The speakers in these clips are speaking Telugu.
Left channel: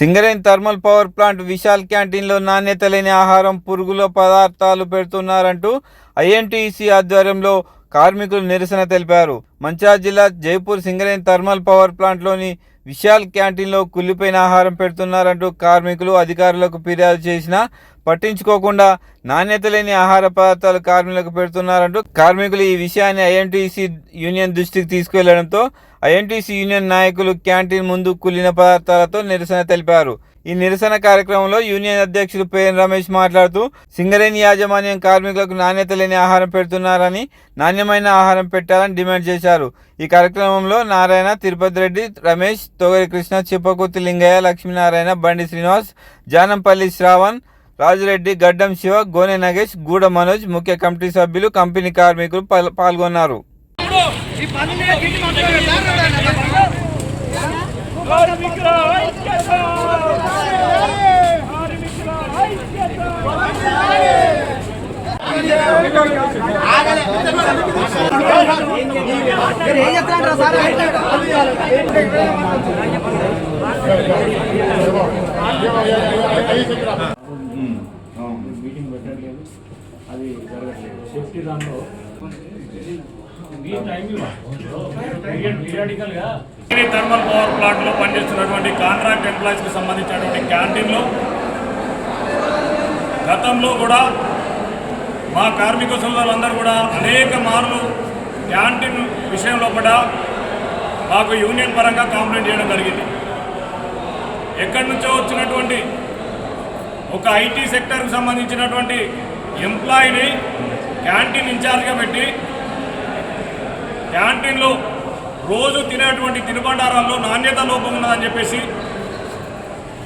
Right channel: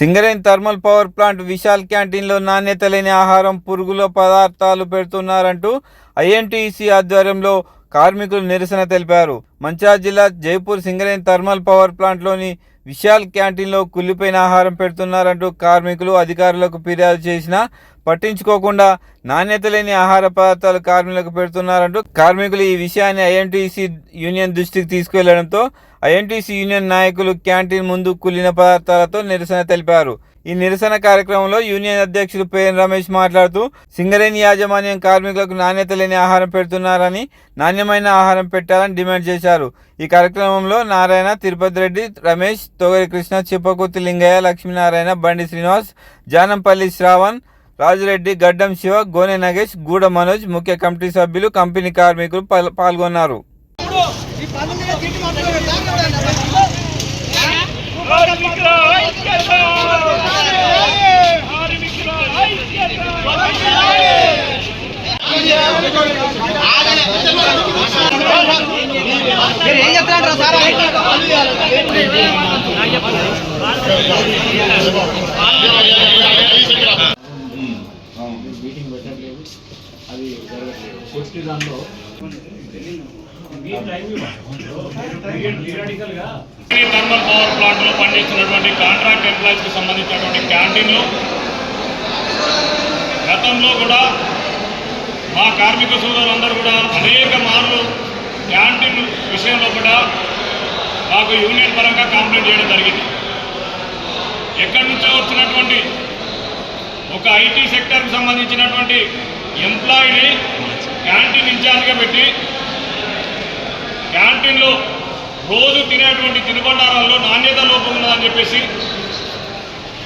Singareni thermal power plant Vishal క్యాంటీన్లో నాణ్యత లేని ఆహారం పురుగుల పదార్థాలు పెడుతున్నారంటూ ఐఎన్టీసీ ఆధ్వర్యంలో కార్మికులు నిరసన తెలిపారు. మంచిర్యాల జిల్లా జైపూర్ సింగరేన్ థర్మల్ పవర్ ప్లాంట్లోని విశాల్ క్యాంటీన్లో కుళ్ళిపోయిన ఆహారం పెడుతున్నారంటూ కార్మికులు అధికారులకు ఫిర్యాదు చేసినా పట్టించుకోకుండా నాణ్యత లేని ఆహార పదార్థాలు కార్మికులకు పెడుతున్నారంటూ కార్మికులు ఈ విషయాన్ని ఐఎన్టీసీ యూనియన్ దృష్టికి తీసుకెళ్ళడంతో ఐఎన్టీసీ యూనియన్ నాయకులు క్యాంటీన్ ముందు కుళ్ళిన పదార్థాలతో నిరసన తెలిపారు. ఈ నిరసన కార్యక్రమంలో యూనియన్ అధ్యక్షుడు పేరు రమేష్ మాట్లాడుతూ సింగరేణి యాజమాన్యం కార్మికులకు నాణ్యత లేని ఆహారం పెడుతున్నారని నాణ్యమైన ఆహారం పెట్టాలని డిమాండ్ చేశారు. ఈ కార్యక్రమంలో నారాయణ తిరుపతి రెడ్డి రమేష్ తోగరి కృష్ణ చిప్పకుర్తి లింగయ్య లక్ష్మీనారాయణ బండి శ్రీనివాస్ జానంపల్లి శ్రావణ్ రాజురెడ్డి గడ్డం శివ గోనె నగేష్ గూడ మనోజ్ ముఖ్య కమిటీ సభ్యులు కంపెనీ కార్మికులు పాల్గొన్నారు. ఈ మీటింగ్ పెట్టట్లేదు అది జరగట్లేదు సేఫ్టీ దాంట్లో థర్మల్ పవర్ ప్లాంట్లో పనిచేస్తున్నటువంటి కాంట్రాక్ట్ ఎంప్లాయీస్కి సంబంధించినటువంటి క్యాంటీన్లు. గతంలో కూడా మా కార్మిక సోదరులందరూ కూడా అనేక మార్లు క్యాంటీన్ విషయంలో కూడా మాకు యూనియన్ పరంగా కంప్లైంట్ చేయడం జరిగింది. ఎక్కడి నుంచో వచ్చినటువంటి ఒక ఐటీ సెక్టర్కి సంబంధించినటువంటి ఎంప్లాయీని క్యాంటీన్ ఇన్ఛార్జ్గా పెట్టి క్యాంటీన్లో రోజు తినేటువంటి తినుబండారాల్లో నాణ్యత లోపం ఉన్నదని చెప్పేసి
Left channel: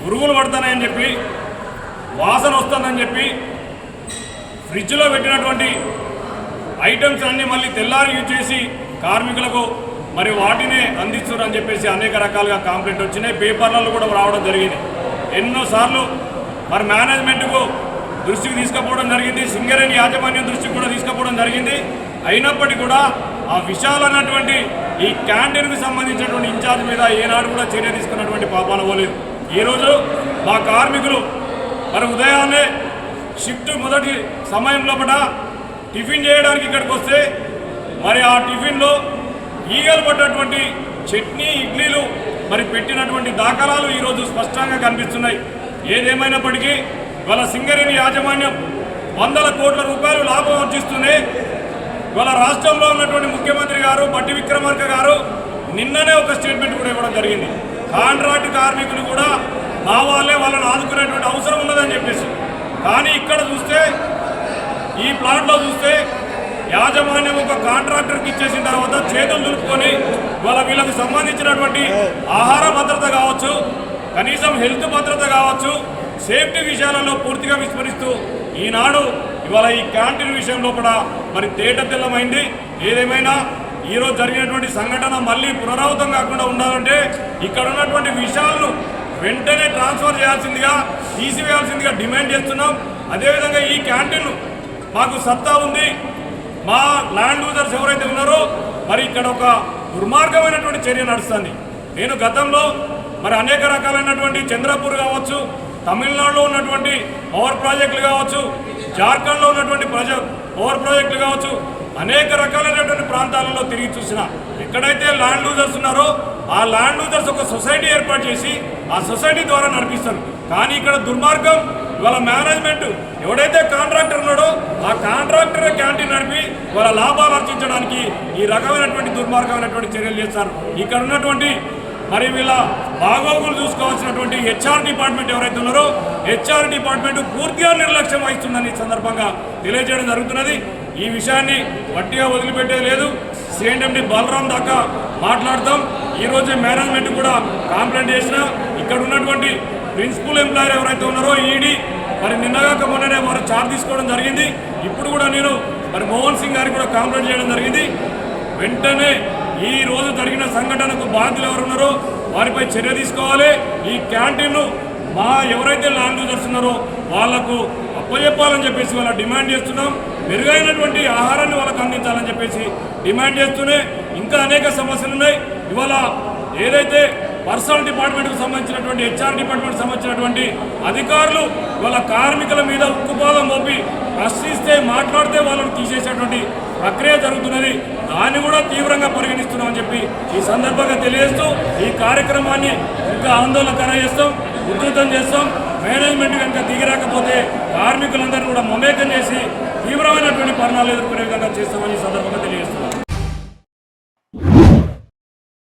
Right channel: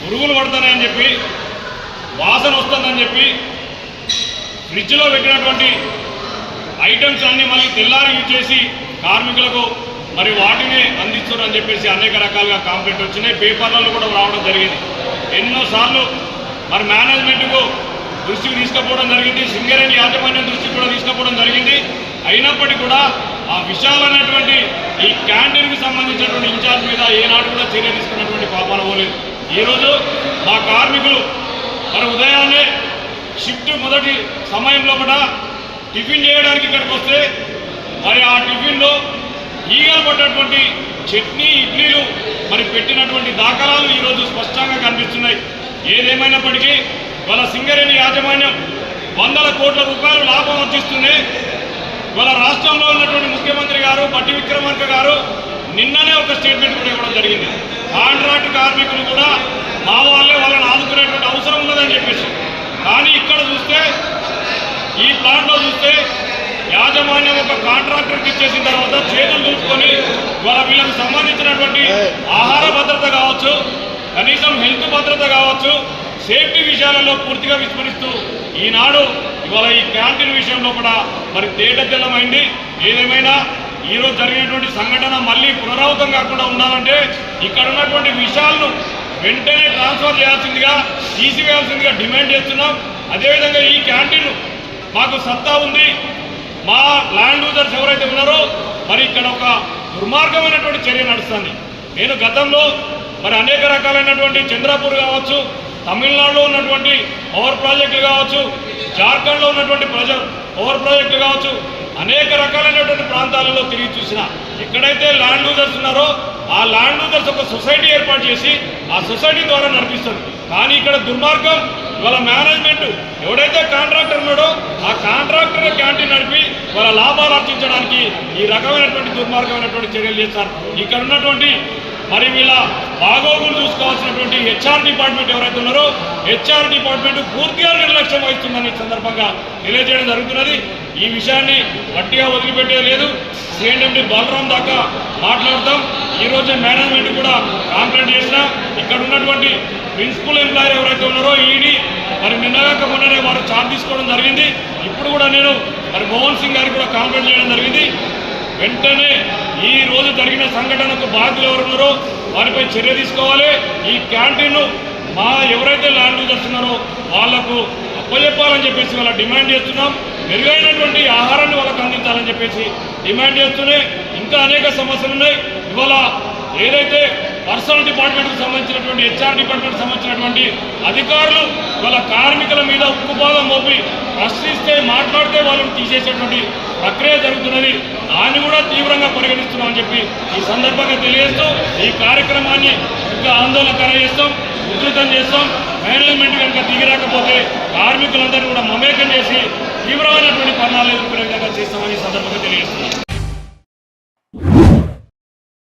పురుగులు పడుతున్నాయని చెప్పి వాసన వస్తుందని చెప్పి ఫ్రిడ్జ్లో పెట్టినటువంటి ఐటమ్స్ అన్నీ మళ్ళీ తెల్లారి యూజ్ చేసి కార్మికులకు మరి వాటినే అందిస్తున్నారని చెప్పేసి అనేక రకాలుగా కాంప్లైంట్ వచ్చినాయి. పేపర్లలో కూడా రావడం జరిగింది. ఎన్నోసార్లు మరి మేనేజ్మెంట్కు దృష్టికి తీసుకుపోవడం జరిగింది. సింగరేణి యాజమాన్యం దృష్టికి కూడా తీసుకుపోవడం జరిగింది. అయినప్పటికీ కూడా ఆ విశాలమైనటువంటి ఈ క్యాంటీన్కి సంబంధించినటువంటి ఇన్ఛార్జ్ మీద ఏనాడు కూడా చర్య తీసుకున్నటువంటి పాపాలు పోలేదు. ఈరోజు మా కార్మికులు మరి ఉదయాన్నే షిఫ్ట్ మొదటి సమయంలో కూడా టిఫిన్ చేయడానికి ఇక్కడికి వస్తే మరి ఆ టిఫిన్లో ఈగలు పడ్డటువంటి చట్నీ ఇడ్లీలు మరి పెట్టినటువంటి దాఖలాలు ఈరోజు స్పష్టంగా కనిపిస్తున్నాయి. ఏదేమైనప్పటికీ వాళ్ళ సింగరేణి యాజమాన్యం వందల కోట్ల రూపాయలు లాభం ఆర్జిస్తూనే వాళ్ళ రాష్ట్రంలో ఉన్నటువంటి ముఖ్యమంత్రి గారు బట్టి విక్రమార్క గారు నిన్ననే ఒక స్టేట్మెంట్ కూడా ఇవ్వడం జరిగింది. కాంట్రాక్ట్ కార్మికులు కూడా మా వాళ్ళే వాళ్ళని ఆదుకునేటువంటి అవసరం ఉన్నదని చెప్పేసి కానీ ఇక్కడ చూస్తే ఈ ప్లాంట్లో చూస్తే యాజమాన్యం ఒక కాంట్రాక్టర్కి ఇచ్చేసిన తర్వాత చేతులు దులుపుకొని వాళ్ళ వీళ్ళకి సంబంధించినటువంటి ఆహార భద్రత కావచ్చు కనీసం హెల్త్ భద్రత కావచ్చు సేఫ్టీ విషయాలలో పూర్తిగా విస్మరిస్తూ ఈనాడు ఇవాళ ఈ క్యాంటీన్ విషయంలో కూడా మరి తేట తెల్లమైంది ఏదేమైనా ఈరోజు జరిగినటువంటి సంఘటన మళ్ళీ పునరావృతం కాకుండా ఉండాలంటే ఇక్కడ ఉన్నటువంటి విషయాలను వెంటనే ట్రాన్స్ఫర్ చేయాల్సిందిగా తీసివేయాల్సిందిగా డిమాండ్ చేస్తున్నాం. అదేవిధంగా ఈ క్యాంటీన్ మాకు సత్తా ఉంది. మా ల్యాండ్ యూజర్స్ ఎవరైతే ఉన్నారో మరి ఇక్కడ ఒక దుర్మార్గమైనటువంటి చర్య నడుస్తుంది. నేను గతంలో మరి అనేక రకాలైనటువంటి చంద్రపూర్ కావచ్చు తమిళనాడులో ఉన్నటువంటి పవర్ ప్రాజెక్టులు కావచ్చు జార్ఖండ్లో ఉన్నటువంటి ప్రజ పవర్ ప్రాజెక్టులు కావచ్చు అనేక రకాలైనటువంటి ప్రాంతాలలో తిరిగి చూసిన ఎక్కడైతే ల్యాండ్ లూజర్స్ ఉన్నారో ఆ ల్యాండ్ లూజర్స్ ఒక సొసైటీ ఏర్పాటు చేసి ఆ సొసైటీ ద్వారా నడిపిస్తారు. కానీ ఇక్కడ దుర్మార్గం ఇవాళ మేనేజ్మెంట్ ఎవడైతే కాంట్రాక్టర్ ఉన్నాడో కాంట్రాక్టర్ క్యాంటీన్ నడిపి వాళ్ళ లాభాలు ఆర్జించడానికి ఈ రకమైనటువంటి దుర్మార్గమైనటువంటి చర్యలు చేస్తారు. ఇక్కడ ఉన్నటువంటి మరి వీళ్ళ బాగోగులు చూసుకోవాల్సినటువంటి హెచ్ఆర్ డిపార్ట్మెంట్ ఎవరైతే ఉన్నారో హెచ్ఆర్ డిపార్ట్మెంట్ పూర్తిగా నిర్లక్ష్యం వహిస్తుందని ఈ సందర్భంగా తెలియజేయడం జరుగుతున్నది. ఈ విషయాన్ని గట్టిగా వదిలిపెట్టే లేదు. సిఎండి బలరాం దాకా మాట్లాడతాం ఈరోజు మేనేజ్మెంట్ కూడా కాంప్లైంట్ చేసిన ఇక్కడ ఉన్నటువంటి ప్రిన్సిపల్ ఎంప్లాయర్ ఎవరైతే ఉన్నారో ఈడీ మరి నిన్నగాక మొన్ననే వారు చార్జ్ తీసుకోవడం జరిగింది. ఇప్పుడు కూడా నేను మరి మోహన్ సింగ్ గారికి కూడా కాంప్లైంట్ చేయడం జరిగింది. వెంటనే ఈ రోజు జరిగిన సంఘటనకు బాధ్యులు ఎవరున్నారో వారిపై చర్య తీసుకోవాలి. ఈ క్యాంటీన్ను మా ఎవరైతే ల్యాండ్ యూజర్స్ ఉన్నారో వాళ్ళకు అప్పచెప్పాలని చెప్పేసి వాళ్ళ డిమాండ్ చేస్తున్నాం. మెరుగైనటువంటి ఆహారాన్ని వాళ్ళకి అందించాలని చెప్పేసి డిమాండ్ చేస్తూనే ఇంకా అనేక సమస్యలు ఉన్నాయి. ఇవాళ ఏదైతే పర్సనల్ డిపార్ట్మెంట్కి సంబంధించినటువంటి హెచ్ఆర్ డిపార్ట్మెంట్కి సంబంధించినటువంటి అధికారులు వాళ్ళ కార్మికుల మీద ఉక్కుపాదం మోపి ప్రశ్నిస్తే మాట్లాడితే వాళ్ళని తీసేసేటువంటి ప్రక్రియ జరుగుతున్నది. దాన్ని కూడా తీవ్రంగా పరిగణిస్తున్నామని చెప్పి ఈ సందర్భంగా తెలియజేస్తూ ఈ కార్యక్రమాన్ని ఇంకా ఆందోళన చేస్తాం ఉధృతం చేస్తాం. మేనేజ్మెంట్ కనుక దిగిరాకపోతే కార్మికులందరినీ కూడా మమేకం చేసి తీవ్రమైనటువంటి పరిణామాలు ఎదుర్కొనే విధంగా చేస్తామని ఈ సందర్భంగా తెలియజేస్తున్నాం.